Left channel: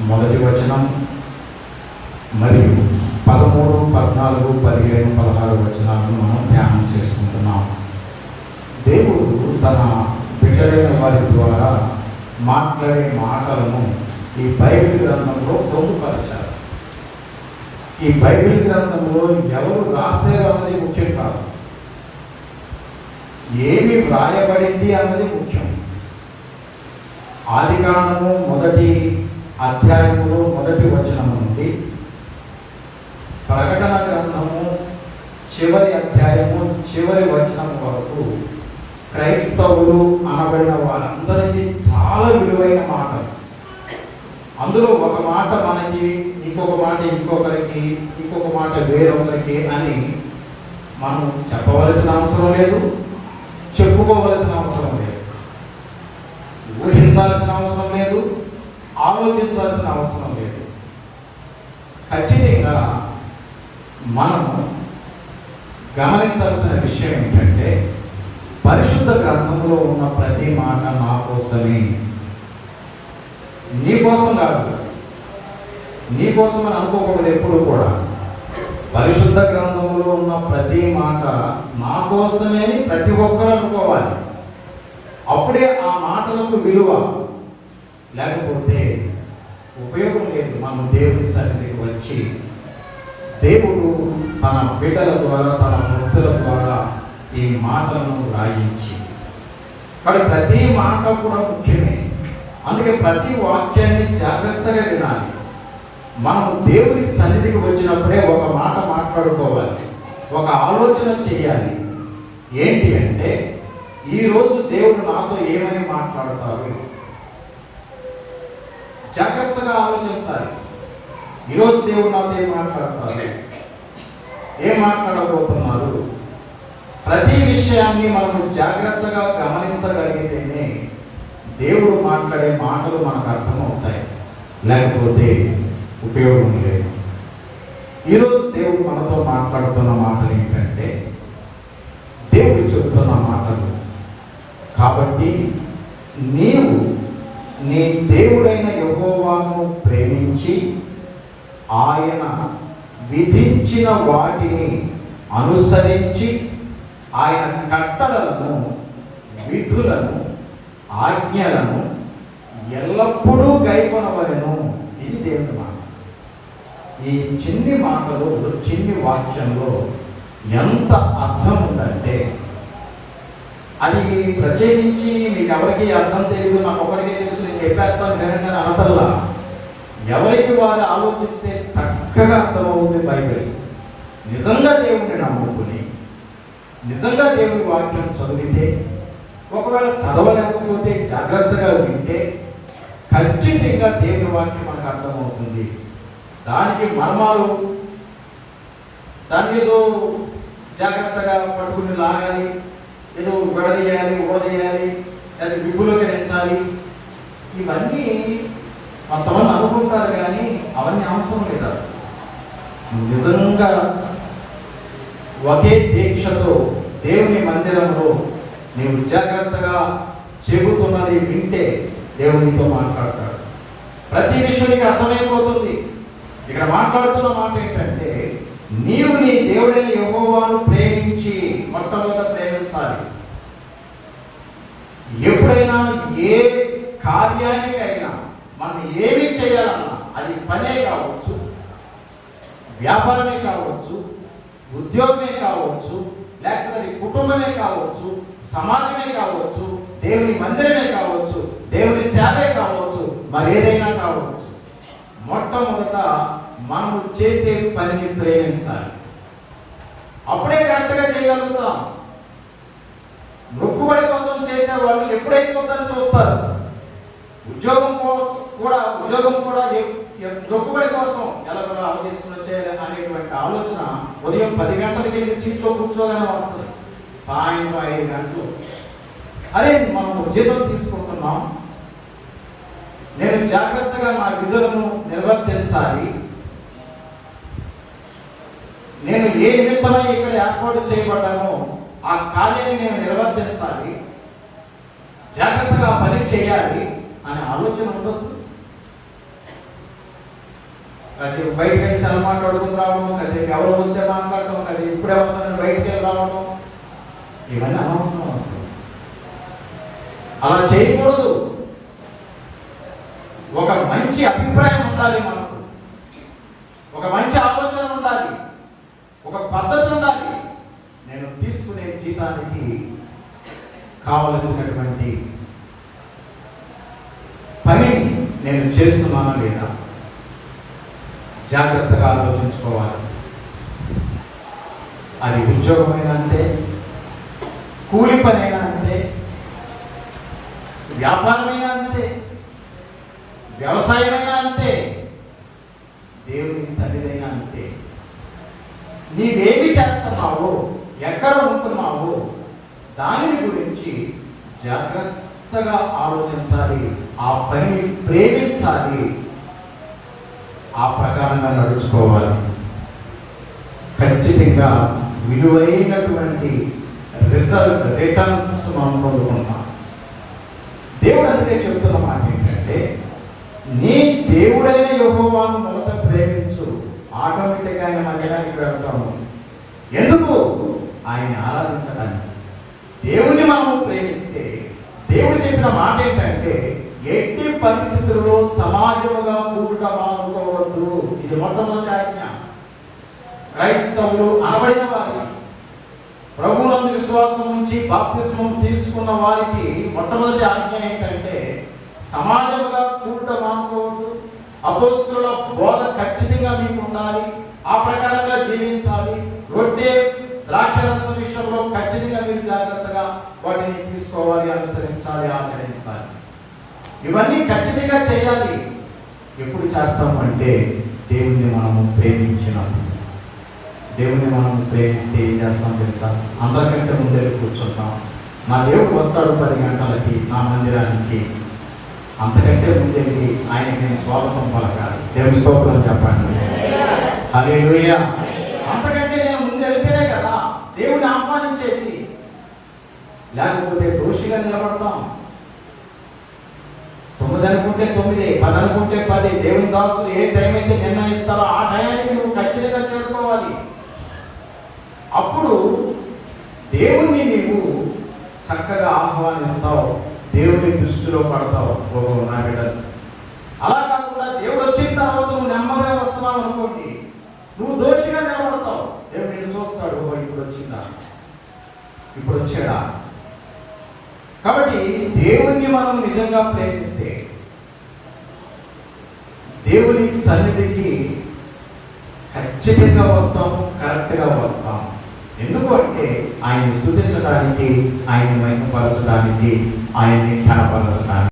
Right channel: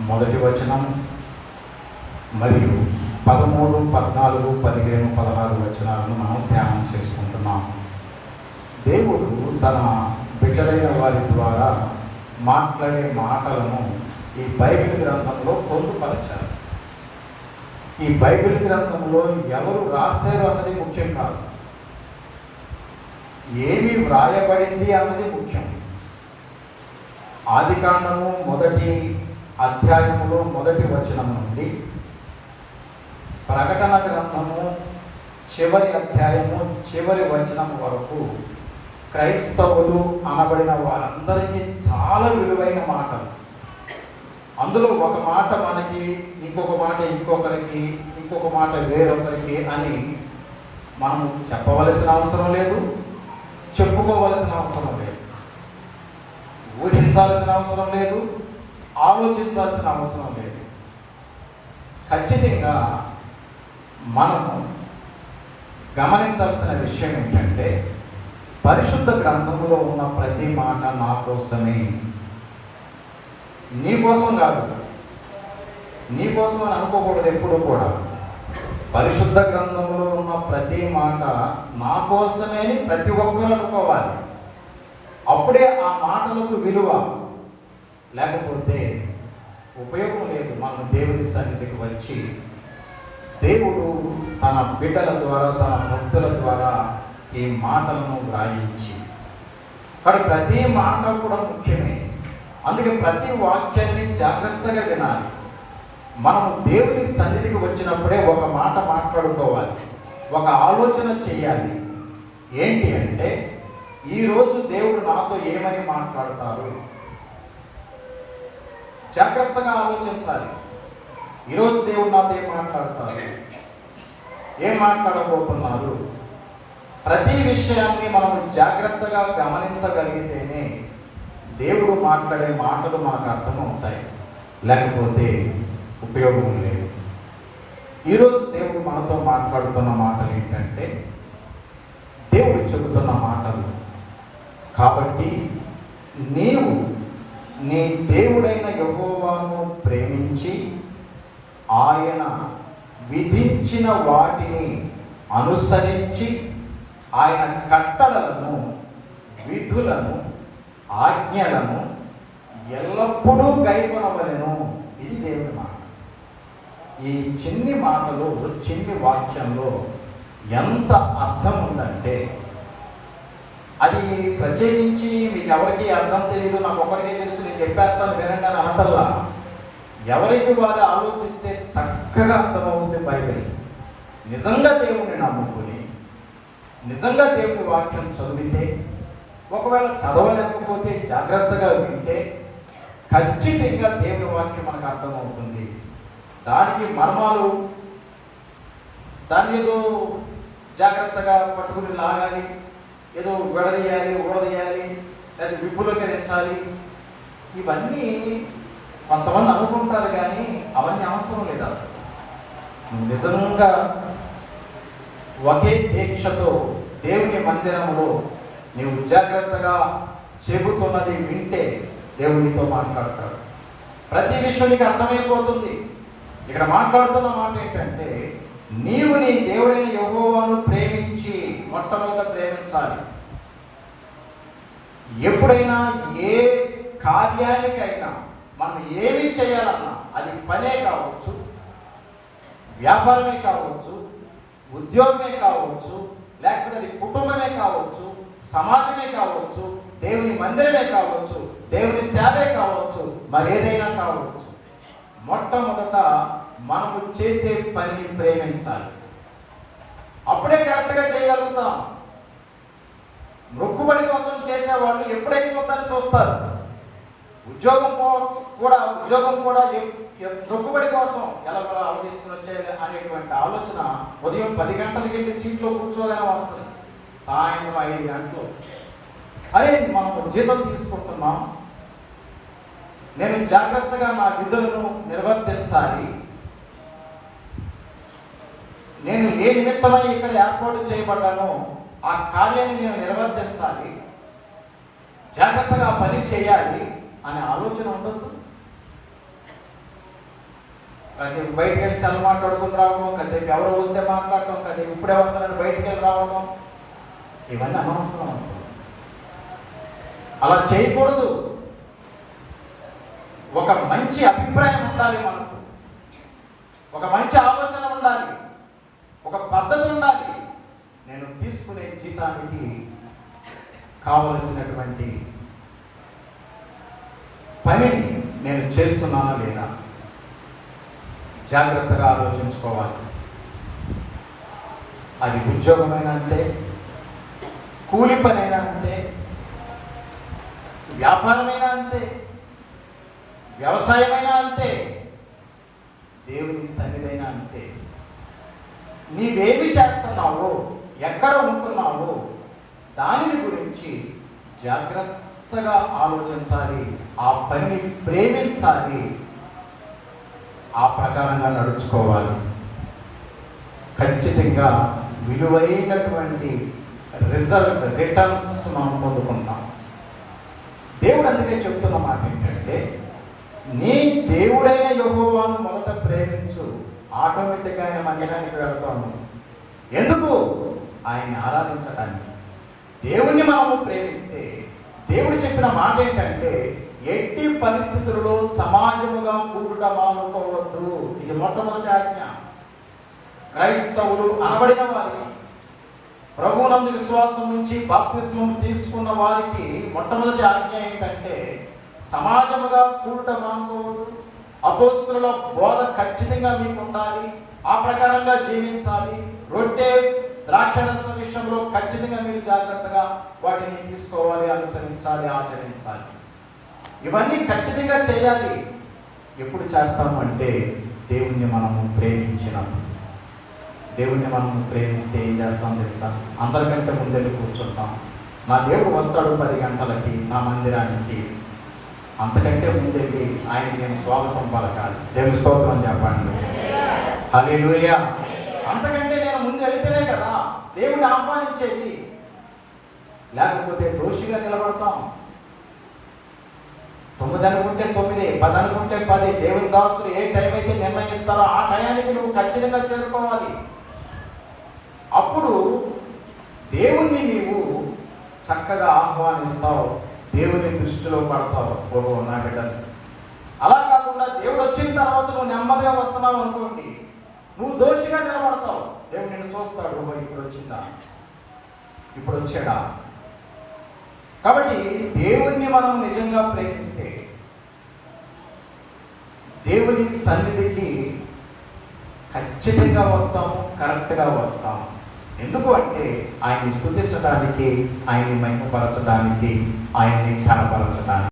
మొదటి వచనం మరియు పదమూడు పద్నాలుగు పదిహేను పదహారు వచనాలను మనం ధ్యానం చేసుకుంటున్నాం. దేవుడు తన బిడ్డలైన వారి ద్వారా మాట్లాడే మాటలను ఈ బైబిల్ గ్రంథంలో పొందుపరచారు. ఈ బైబిల్ గ్రంథంలో ఎవరు రాశారు అన్నది ముఖ్యం కాదు. ఏమి వ్రాయబడింది అన్నది ముఖ్యం. ఆది కాండము మొదటి అధ్యాయములో మొదటి వచనం నుండి ప్రకటన గ్రంథము చివరి అధ్యాయము చివరి వచనం వరకు క్రైస్తవులు అనబడిన వారందరికీ చాలా విలువైన మాటలు. అందులో ఒక మాట మనకి ఇంకొక మాట ఇంకొకరికి ఇంకొక మాట వేరొకరికి అని మనం చెప్పవలసిన అవసరం లేదు చెప్పుకోవలసిన అవసరం లేదు. ఊహించాల్సిన అవసరం లేదు ఆలోచించాల్సిన అవసరం లేదు. ఖచ్చితంగా మనం గమనించాల్సిన విషయం ఏంటంటే పరిశుద్ధ గ్రంథంలో ఉన్న ప్రతి మాట నా కోసమే. నీ కోసం కాదు. నీ కోసం అని అనుకోకూడదు ఎప్పుడు కూడా. పరిశుద్ధ గ్రంథంలో ఉన్న ప్రతి మాట నా కోసమే ప్రతి ఒక్కరు అనుకోవాలి. అప్పుడే ఆ మాటలకు విలువ లేకపోతే ఉపయోగం లేదు. మనం దేవుని సన్నిధికి వచ్చి దేవుడు తన బిడ్డల ద్వారా తన భక్తుల ద్వారా ఈ మాటలను వ్రాయించి కానీ ప్రతి మాట కూడా ముఖ్యమే. అందుకే ప్రతి వాక్యాన్ని జాగ్రత్తగా వినాలి. మనం దేవుని సన్నిధికి వచ్చినప్పుడే ఒక మాట మాట్లాడుకోవాలి. ఒక ఆలోచన చేయాలి ఏంటి అంటే ఈరోజు దేవుడు నాతో ఏమని మాట్లాడతారు జాగ్రత్తగా ఆలోచించాలి. ఈరోజు దేవుడు నాతో ఏం మాట్లాడుతున్నారు? ఏం మాట్లాడబోతున్నారు? ప్రతి విషయాన్ని మనం జాగ్రత్తగా గమనించగలిగితేనే దేవుడు మాట్లాడే మాటలు మనకు అర్థమవుతాయి. లేకపోతే ఉపయోగం లేదు. ఈరోజు దేవుడు మనతో మాట్లాడుతున్న మాటలు ఏంటంటే దేవుడు చెబుతున్న మాటలు. కాబట్టి నీవు ఆయన విధించిన వాటిని అనుసరించి ఆయన కట్టడలను విధులను ఆజ్ఞలను ఎల్లప్పుడూ గైకొనవలెను. ఇది దేవుని మాట. ఈ చిన్ని మాటలో చిన్ని వాక్యంలో ఎంత అర్థం ఉందంటే అది ప్రత్యేకించి మీకు ఎవరికి అర్థం తెలియదు నాకు ఒకరికే తెలుసు నేను చెప్పేస్తాను వినండి అనటల్లా ఎవరికి వారు ఆలోచిస్తే చక్కగా అర్థమవుతుంది బైబిల్. నిజంగా దేవుడిని నమ్ముకుని నిజంగా దేవుని వాక్యం చదివితే ఒకవేళ చదవలేకపోతే జాగ్రత్తగా వింటే ఖచ్చితంగా దేవుని వాక్యం మనకు అర్థమవుతుంది. దానికి మర్మాలు దాన్ని ఏదో జాగ్రత్తగా పట్టుకుని లాగాలి ఏదో విడదీయాలి ఊడదీయాలి దాన్ని విప్పులోకి పెంచాలి ఇవన్నీ కొంతమంది అనుకుంటారు కానీ అవన్నీ అవసరం లేదు అసలు. నిజంగా ఒకే దీక్షతో దేవుని మందిరంలో నీవు జాగ్రత్తగా చెబుతున్నది వింటే దేవుడు నీతో మాట్లాడతాడు. ప్రతి విషయానికి అర్థమైపోతుంది. ఇక్కడ మాట్లాడుతున్న మాట ఏంటంటే నీవు నీ దేవుడిని యహోవాను ప్రేమించి మొట్టమొదట ప్రేమించాలి. ఎప్పుడైనా ఏ కార్యానికైనా మనం ఏమి చేయాలన్నా అది పనే కావచ్చు. వ్యాపారమే కావచ్చు ఉద్యోగమే కావచ్చు లేకపోతే అది కుటుంబమే కావచ్చు సమాజమే కావచ్చు దేవుని మందిరమే కావచ్చు దేవుని సేవే కావచ్చు మరి ఏదైనా కావచ్చు. మొట్టమొదట మనము చేసే పనిని ప్రేమించాలి. అప్పుడే కరెక్ట్గా చేయగలుగుతాం. మొక్కుబడి కోసం చేసే వాళ్ళు ఎప్పుడైపోతారని చూస్తారు. ఉద్యోగం కోసం కూడా ఉద్యోగం కూడా దొక్కుబడి కోసం ఎలా కూడా అవ వచ్చేయాలి అనేటువంటి ఆలోచన ఉదయం పది గంటలకి వెళ్ళి సీట్లో కూర్చోగానే వస్తుంది. సాయంత్రం ఐదు గంటలు. అరే మనం జీతం తీసుకుంటున్నాం. నేను జాగ్రత్తగా నా విధులను నిర్వర్తించాలి. నేను ఏ నిమిత్తమై ఇక్కడ ఏర్పాటు చేయబడ్డానో ఆ కార్యాన్ని నేను నిర్వర్తించాలి. జాగ్రత్తగా పని చేయాలి అనే ఆలోచన ఉండదు. కాసేపు బయటకు వెళ్ళి సెల్ మాట్లాడుకుని రావడం కాసేపు ఎవరో వస్తే మాట్లాడటం కాసేపు ఇప్పుడు ఎవరు బయటకు వెళ్ళి రావడం. ఇవన్నీ అనవసరం అవసరం అలా చేయకూడదు. ఒక మంచి అభిప్రాయం ఉండాలి మనకు. ఒక మంచి ఆలోచన ఉండాలి. ఒక పద్ధతి ఉండాలి. నేను తీసుకునే జీతానికి కావలసినటువంటి పని నేను చేస్తున్నానా లేదా? జాగ్రత్తగా ఆలోచించుకోవాలి. అది ఉద్యోగమైనా అంతే కూలి పనైనా అంతే వ్యాపారమైనా అంతే వ్యవసాయమైనా అంతే దేవుని సన్నిధైనా అంతే. నీవేమి చేస్తున్నావో ఎక్కడ ఉంటున్నావో దానిని గురించి జాగ్రత్తగా ఆలోచించాలి ఆ పని ప్రేమించాలి ఆ ప్రకారంగా నడుచుకోవాలి. ఖచ్చితంగా విలువైనటువంటి రిజల్ట్ రిటర్న్స్ మనం పొందుకుంటాం దేవుడు అందుకే చెప్తున్న మాట ఏంటంటే నీ దేవుడైన యహోవాను మొదట ప్రేమించు. ఆటోమేటిక్గా ఆయన మందిరానికి వెళ్తాము. ఎందుకు? ఆయన ఆరాధించడానికి. దేవుని మనము ప్రేమిస్తే దేవుడు చెప్పిన మాట ఏంటంటే ఎట్టి పరిస్థితుల్లో సమాజం మొట్టమొదటి ఆజ్ఞ క్రైస్తవులు అనబడిన వారికి ప్రభువునందు విశ్వాసం నుంచి బాప్తిస్మం తీసుకున్న వారికి మొట్టమొదటి ఆజ్ఞ ఏంటంటే సమాజంగా కూడుట మానుకోవద్దు అపోస్తుల బోధ ఖచ్చితంగా మీకు ఉండాలి ఆ ప్రకారంగా జీవించాలి రొట్టె ద్రాక్షరస విషయంలో ఖచ్చితంగా మీరు జాగ్రత్తగా వాటిని తీసుకోవాలి అనుసరించాలి ఆచరించాలి. ఇవన్నీ ఖచ్చితంగా చేయాలి. ఎప్పుడు చేస్తామంటే దేవుణ్ణి మనము ప్రేమించినాం దేవుణ్ణి మనం ప్రేమిస్తే ఏం చేస్తాం తెలుసా? అందరికంటే ముందే కూర్చుంటాం. మా దేవుడు వస్తాడు పది గంటలకి నా మందిరానికి. అంతకంటే ముందేది ఆయనకి నేను స్వాగతం పలకాలి దేవుని స్తోత్రం చెప్పండి. హల్లెలూయా. అంతకంటే నేను ముందు వెళ్తేనే కదా దేవుని ఆహ్వానించేది. లేకపోతే దోషిగా నిలబడతాం. తొమ్మిది అనుకుంటే తొమ్మిది పది అనుకుంటే పది. దేవుని దాసులు ఏ టైం అయితే నిర్ణయిస్తారో ఆ టయానికి నువ్వు ఖచ్చితంగా చేరుకోవాలి. అప్పుడు దేవుణ్ణి నీవు చక్కగా ఆహ్వానిస్తావు. దేవుని దృష్టిలో పడతావు. ఓ నా బిడ్డలు. అలా కాకుండా దేవుడు వచ్చిన తర్వాత నువ్వు నెమ్మదిగా వస్తున్నావు అనుకోండి నువ్వు దోషిగా నిలబడతావు. దేవుడు నేను చూస్తాడు? ఇప్పుడు వచ్చిందా? ఇప్పుడు వచ్చాడా? కాబట్టి దేవుణ్ణి మనం నిజంగా ప్రేమిస్తే దేవుని సన్నిధికి ఖచ్చితంగా వస్తాము కరెక్ట్గా వస్తాము ఎందుకు అంటే ఆయన్ని స్థుతించడానికి ఆయన్ని మహిమపరచడానికి ఆయన్ని ఘనపరచడానికి.